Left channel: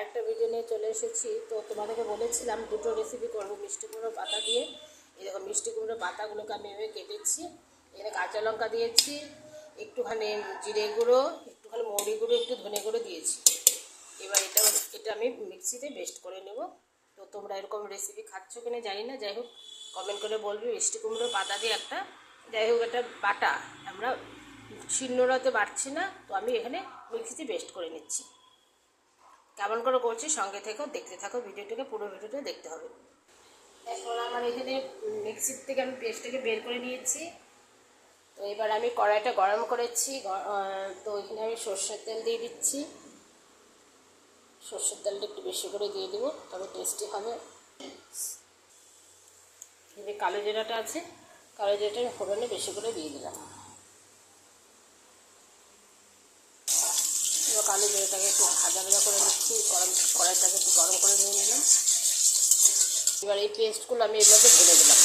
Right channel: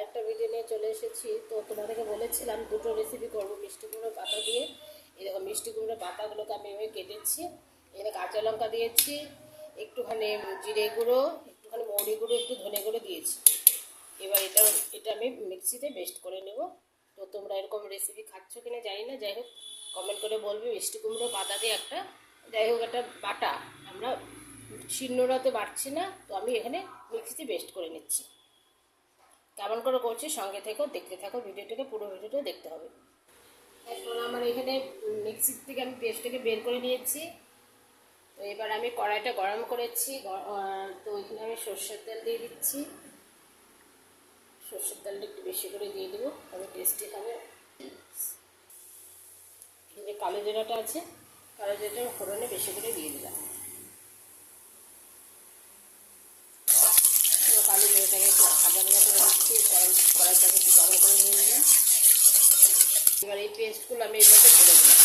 আরেকটা ভিডিও নিয়ে চলে এসেছি। তো তোমাদেরকে বলেছিলাম দুটো রেসিপি করব মিষ্টি কুমড়ো পাতা দিয়ে। এই দেখো মিষ্টি কুমড়ো পাতাগুলোকে আমি এভাবে কেটেছি, এখানে কাঁচা লঙ্কা দিয়েছি, একটুখানি জিরে গুঁড়ো, একটুখানি মৌরি গুঁড়ো, একটু ধনে গুঁড়ো দিয়েছি। এবার এটা আমি মিক্সিতে পেস্ট করে নেব। তো তোমরা এরকম রেসিপি খাচ্ছ কিনা জানি না, যাই হোক কমেন্ট করে বলবে। মিষ্টি কুমড়ো পাতা দিয়ে একটা, যাই হোক একটা বাটা, আমরা শিলনোড়াতে বাটছি না, তো আমি এখানে মিক্সিতে পেস্ট করে নিচ্ছি। কেমন করে করছি সঙ্গে থেকেও দেখতে থাকো ভিডিওটাকে, পুরো ভিডিওটা দেখতে হবে। এখন আমার এখানে মিক্সির থেকে আমি পেস্টটাকে বের করে নিয়েছি। তো এবার আমি কড়াইটা গরম করেছি, তো এখানে আমি সর্ষের তেল দিয়ে দিচ্ছি। সর্ষের তেলটা একটু বেশি করে দিয়ে দেবো, তবে টেস্টি হবে। এই যে কালো জিরাটা আছে, কালো জিরাটা আমি ফোড়নে বেশি করে দিয়ে দিলাম। এবার কালো জিরাটাকে একটু ভাজা ভাজা করে নিচ্ছি, কড়াইটাকে একটু গরম করে নিয়ে নিলাম। এবার এই পেস্টগুলো আমি এর মধ্যে ঢেলে দিলাম।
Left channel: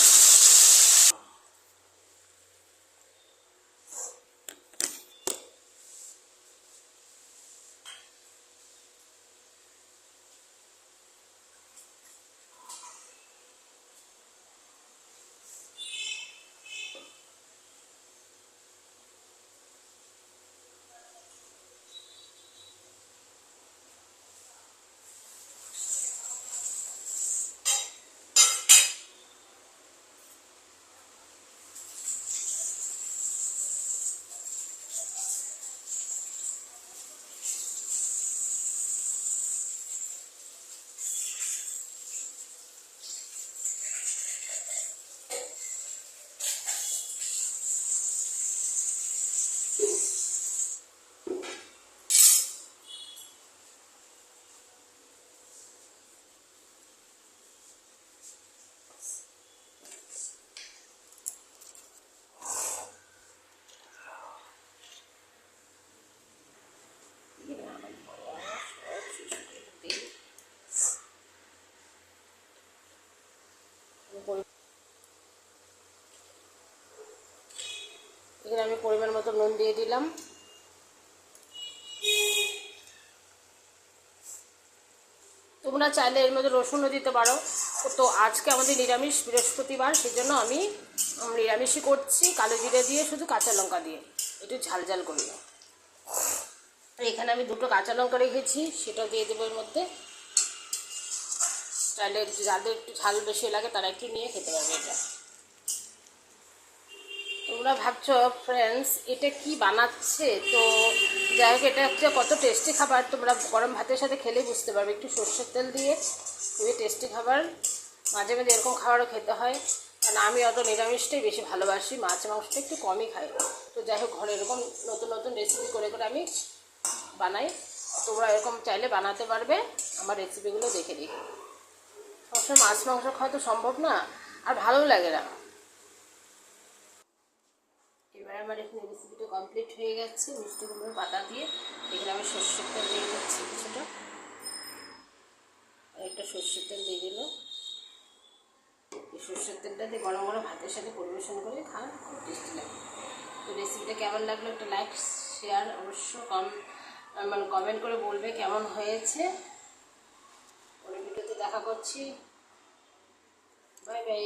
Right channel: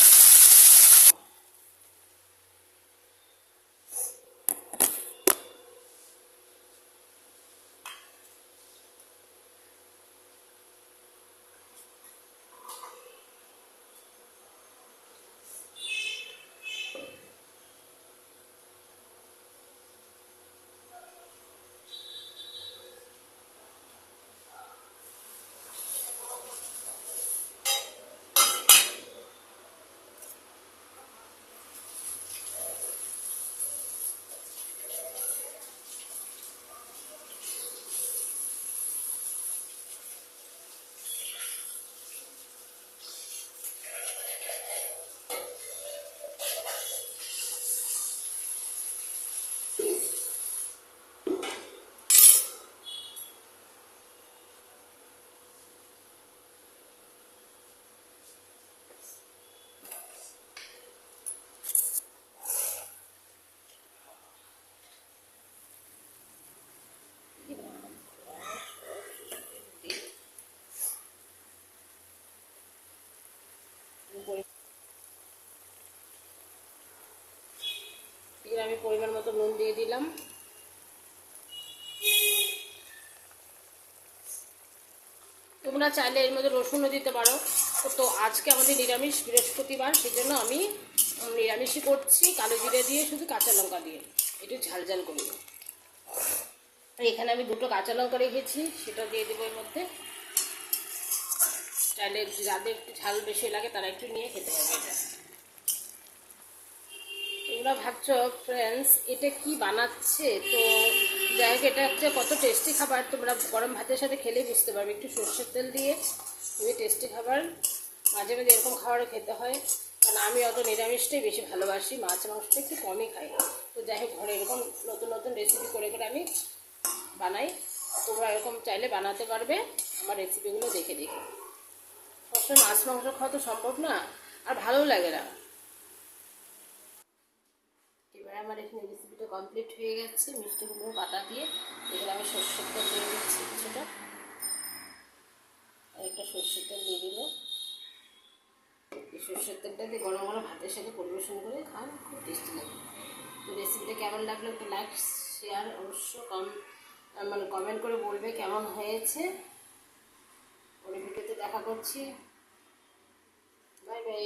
এখানে আমি পরিমাণ মতো নুন দিয়ে দিলাম। তোমরা চাইলে এর মধ্যে রসুনও দিতে পারো। তো আজকে আমাদের নিরামিষ, বৃহস্পতিবার, সেই জন্য আমি নিরামিষই করছি, কালো জিরে দিয়ে, শুধু কাঁচা লঙ্কা দিয়ে একটু ঝাল ঝাল করব। এখানে আমি দুটো কাঁচা লঙ্কা রেখেছি, সেটা দিয়ে দেবো এর মধ্যে। চাইলে যাদের একটু ঝাল বেশি লাগে তারা একটু নিয়ে খেতে পারবে। এটা তোমরা ভাবছো ফ্রেন্ডস এটা কি বানাচ্ছে, তো যাই হোক এটা হচ্ছে কত টেস্টি খাবার, তোমরা গরম ভাতের সাথে খেলে বুঝতে পারবে। একটু সর্ষের তেল দিয়ে খুবই টেস্টি খাবার। মাঝে মাঝে এরকম খাবারও খেতে হয়, কারণ আমি অত নিরামিষটাই বেশি ভালোবাসি, মাছ মাংসটা একটু কমই খাই। তো যাই হোক ঘরে এরকম নতুন নতুন রেসিপি করে করে আমি বানাই। তোমরা এরকম চাইলে বানাতে পারবে আমার রেসিপিগুলো দেখে দেখে। সবসময় মাছ মাংস খাওয়া তো সম্ভব না, আর ভালো লাগে না। এবার আমার এখানে রেসিপিটা কমপ্লিট হয়ে গেছে মিষ্টি কুমড়োর পাতা দিয়ে। এখানে আমি সর্ষের তেল দিয়ে দিচ্ছি কিছুটা, একটা সর্ষের তেল দিয়ে দিল। এই সর্ষের তেলটা দিয়ে গরম গরম ভাতের সাথে পরিবেশন করে খান, খুব টেস্টি লাগে। তো রেসিপিটা কেমন লাগলো একটা লাইক শেয়ার অবশ্য কমেন্ট করে বলবে কেমন হয়েছে। পরে ভিডিওতে দেখা করছি। Bye bye.